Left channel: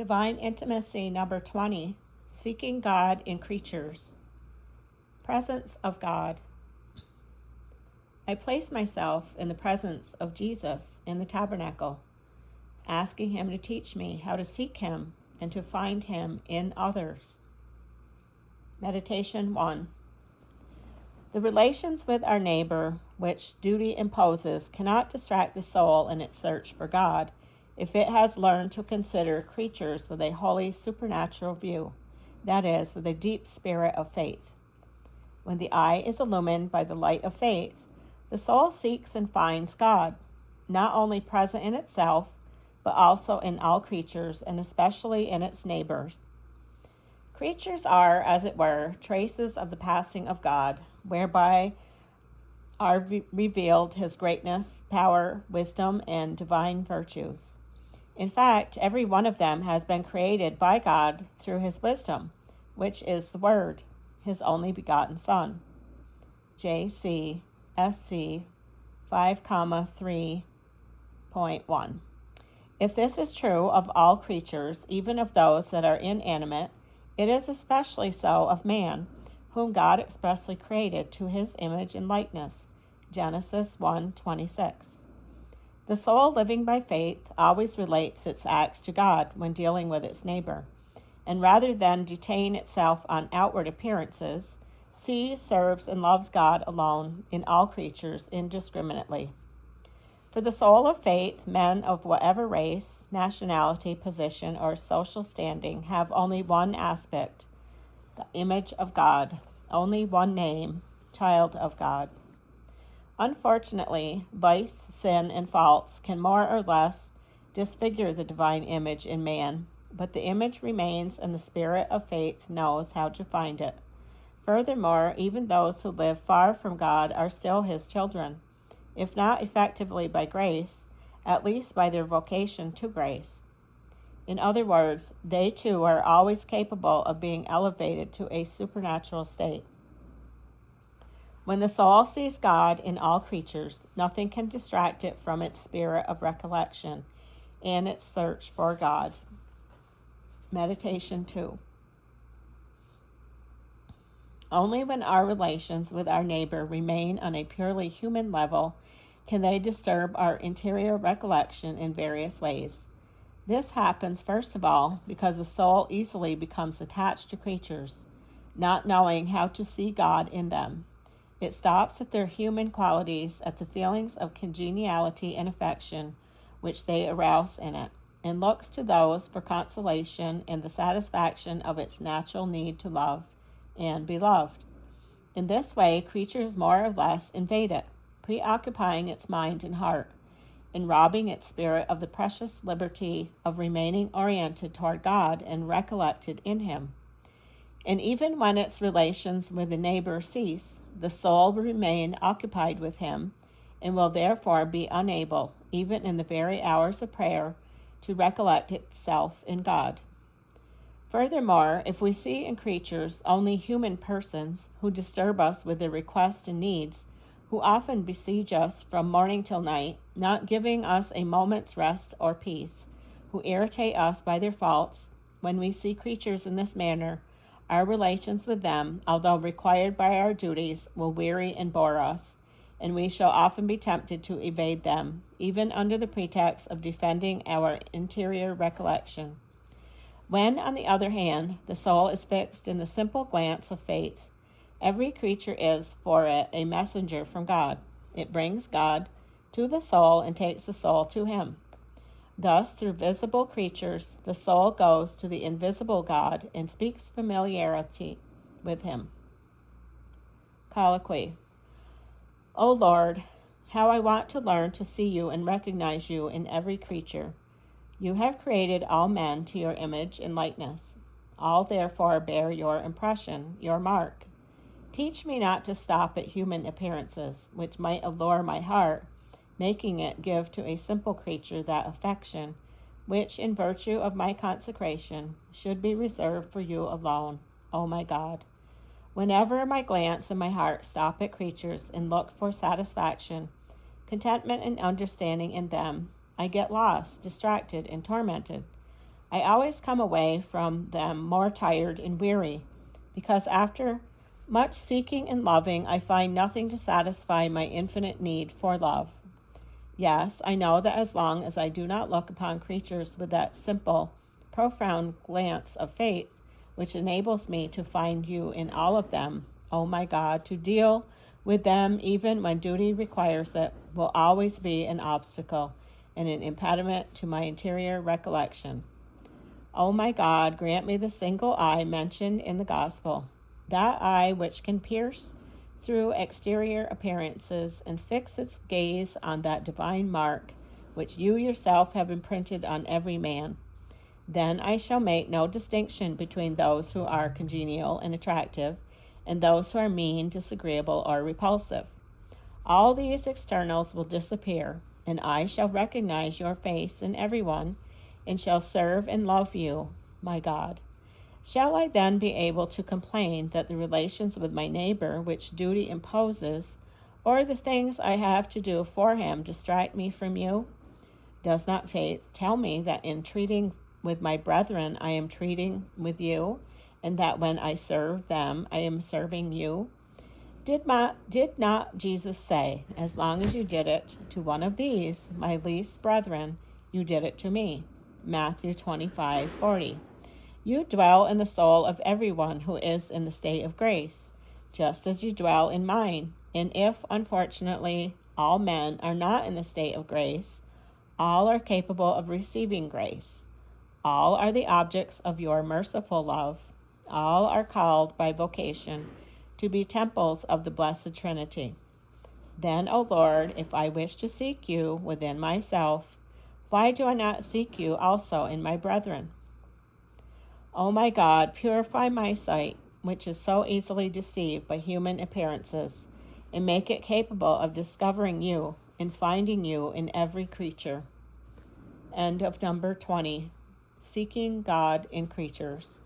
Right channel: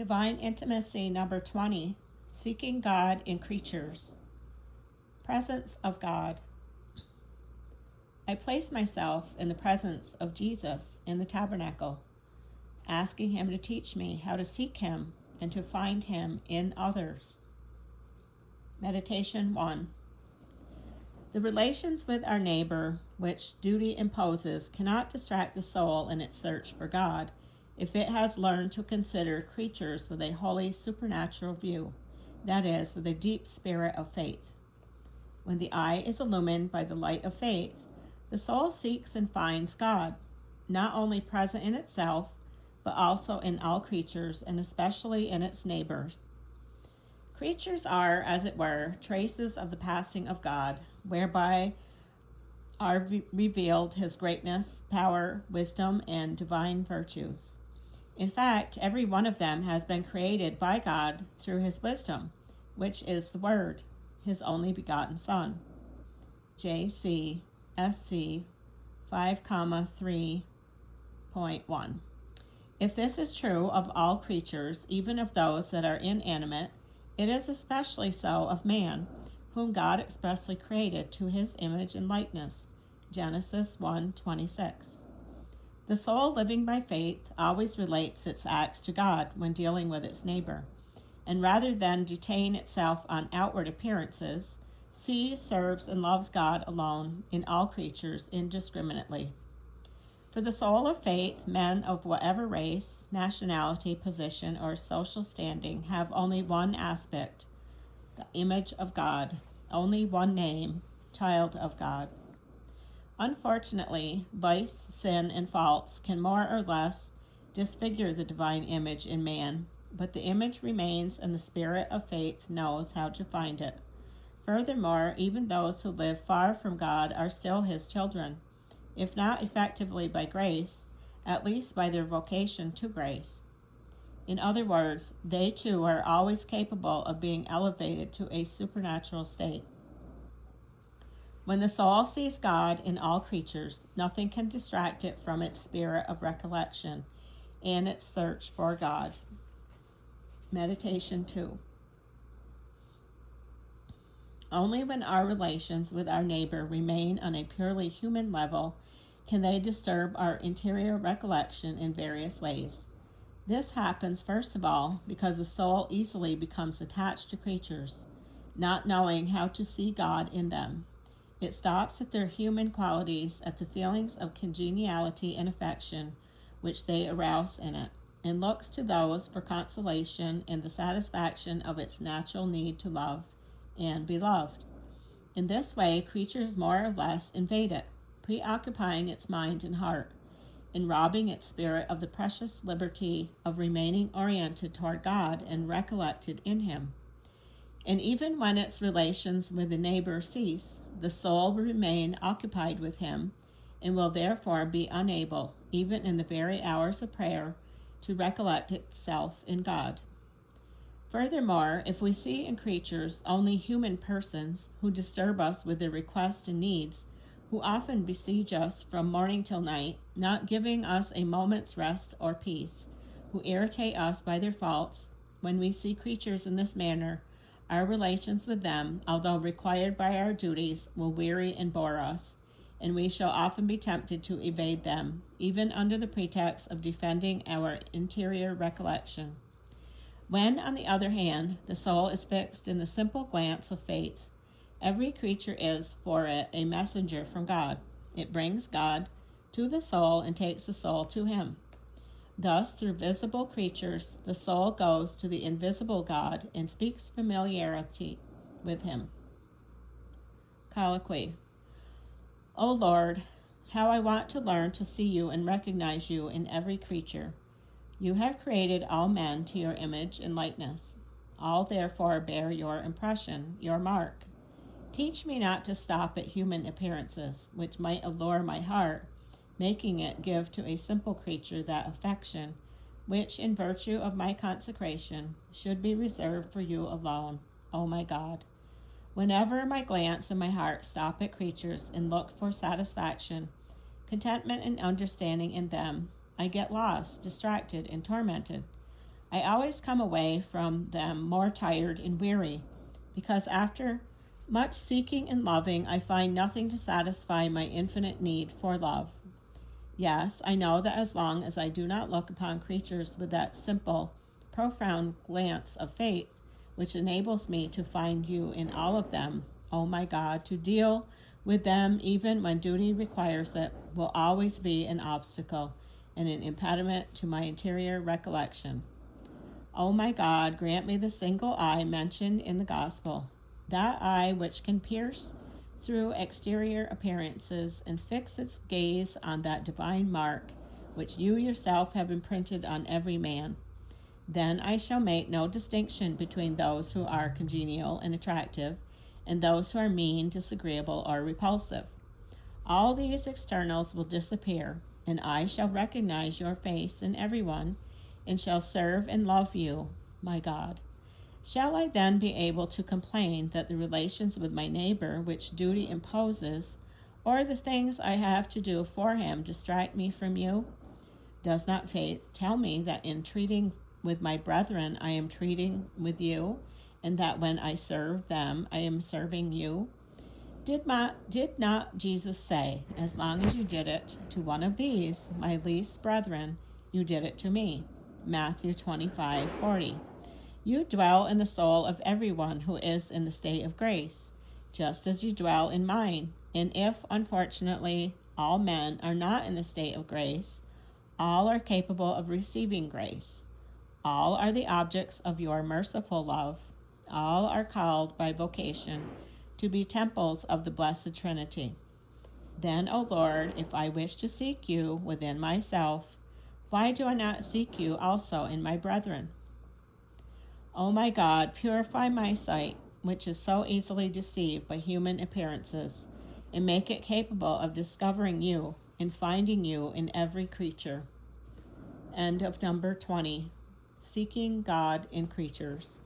Divine Intimacy number 20, Seeking God in Creatures. Presence of God. I place myself in the presence of Jesus in the tabernacle, asking him to teach me how to seek him and to find him in others. Meditation 1. The relations with our neighbor, which duty imposes, cannot distract the soul in its search for God if it has learned to consider creatures with a wholly supernatural view, that is, with a deep spirit of faith. When the eye is illumined by the light of faith, the soul seeks and finds God, not only present in itself, but also in all creatures, and especially in its neighbors. Creatures are, as it were, traces of the passing of God, whereby are revealed his greatness, power, wisdom, and divine virtues. In fact, every one of them has been created by God through his wisdom, which is the Word, his only begotten Son. J.C. Sc. 5,3.1. If this is true of all creatures, even of those that are inanimate, it is especially so of man, whom God expressly created to his image and likeness. Genesis 1:26. The soul living by faith always relates its acts to God when dealing with its neighbor, and rather than detain itself on outward appearances, sees, serves, and loves God alone in all creatures indiscriminately. For the soul of faith, men of whatever race, nationality, position, or social standing have only one aspect, the image of God, only one name, child of God. Unfortunately, vice, sin, and faults can more or less disfigure the divine image in man, but the image remains, and the spirit of faith knows how to find it. Furthermore, even those who live far from God are still his children, if not effectively by grace, at least by their vocation to grace. In other words, they too are always capable of being elevated to a supernatural state. When the soul sees God in all creatures, nothing can distract it from its spirit of recollection and its search for God. Meditation 2. Only when our relations with our neighbor remain on a purely human level can they disturb our interior recollection in various ways. This happens, first of all, because the soul easily becomes attached to creatures, not knowing how to see God in them. It stops at their human qualities, at the feelings of congeniality and affection which they arouse in it, and looks to those for consolation and the satisfaction of its natural need to love and be loved. In this way, creatures more or less invade it, preoccupying its mind and heart, and robbing its spirit of the precious liberty of remaining oriented toward God and recollected in him. And even when its relations with the neighbor cease, the soul will remain occupied with him, and will therefore be unable, even in the very hours of prayer, to recollect itself in God. Furthermore, if we see in creatures only human persons who disturb us with their requests and needs, who often besiege us from morning till night, not giving us a moment's rest or peace, who irritate us by their faults, when we see creatures in this manner, our relations with them, although required by our duties, will weary and bore us, and we shall often be tempted to evade them, even under the pretext of defending our interior recollection. When, on the other hand, the soul is fixed in the simple glance of faith, every creature is, for it, a messenger from God. It brings God to the soul and takes the soul to him. Thus, through visible creatures, the soul goes to the invisible God and speaks familiarity with him. Colloquy. O Lord, how I want to learn to see you and recognize you in every creature. You have created all men to your image and likeness. All therefore bear your impression, your mark. Teach me not to stop at human appearances, which might allure my heart, making it give to a simple creature that affection, which, in virtue of my consecration, should be reserved for you alone, O my God. Whenever my glance and my heart stop at creatures and look for satisfaction, contentment and understanding in them, I get lost, distracted, and tormented. I always come away from them more tired and weary, because after much seeking and loving, I find nothing to satisfy my infinite need for love. Yes, I know that as long as I do not look upon creatures with that simple, profound glance of faith, which enables me to find you in all of them, O my God, to deal with them even when duty requires it, will always be an obstacle and an impediment to my interior recollection. O my God, grant me the single eye mentioned in the Gospel, that eye which can pierce through exterior appearances and fix its gaze on that divine mark which you yourself have imprinted on every man. Then I shall make no distinction between those who are congenial and attractive and those who are mean, disagreeable, or repulsive. All these externals will disappear, and I shall recognize your face in everyone, and shall serve and love you, my God. Shall I then be able to complain that the relations with my neighbor which duty imposes, or the things I have to do for him, distract me from you? Does not faith tell me that in treating with my brethren I am treating with you, and that when I serve them I am serving you? Did not Jesus say, as long as you did it to one of these, my least brethren, you did it to me? Matthew 25:40. You dwell in the soul of everyone who is in the state of grace, just as you dwell in mine. And if, unfortunately, all men are not in the state of grace, all are capable of receiving grace. All are the objects of your merciful love. All are called by vocation to be temples of the Blessed Trinity. Then, O Lord, if I wish to seek you within myself, why do I not seek you also in my brethren? O my God, purify my sight, which is so easily deceived by human appearances, and make it capable of discovering you and finding you in every creature. End of number 20. Seeking God in Creatures.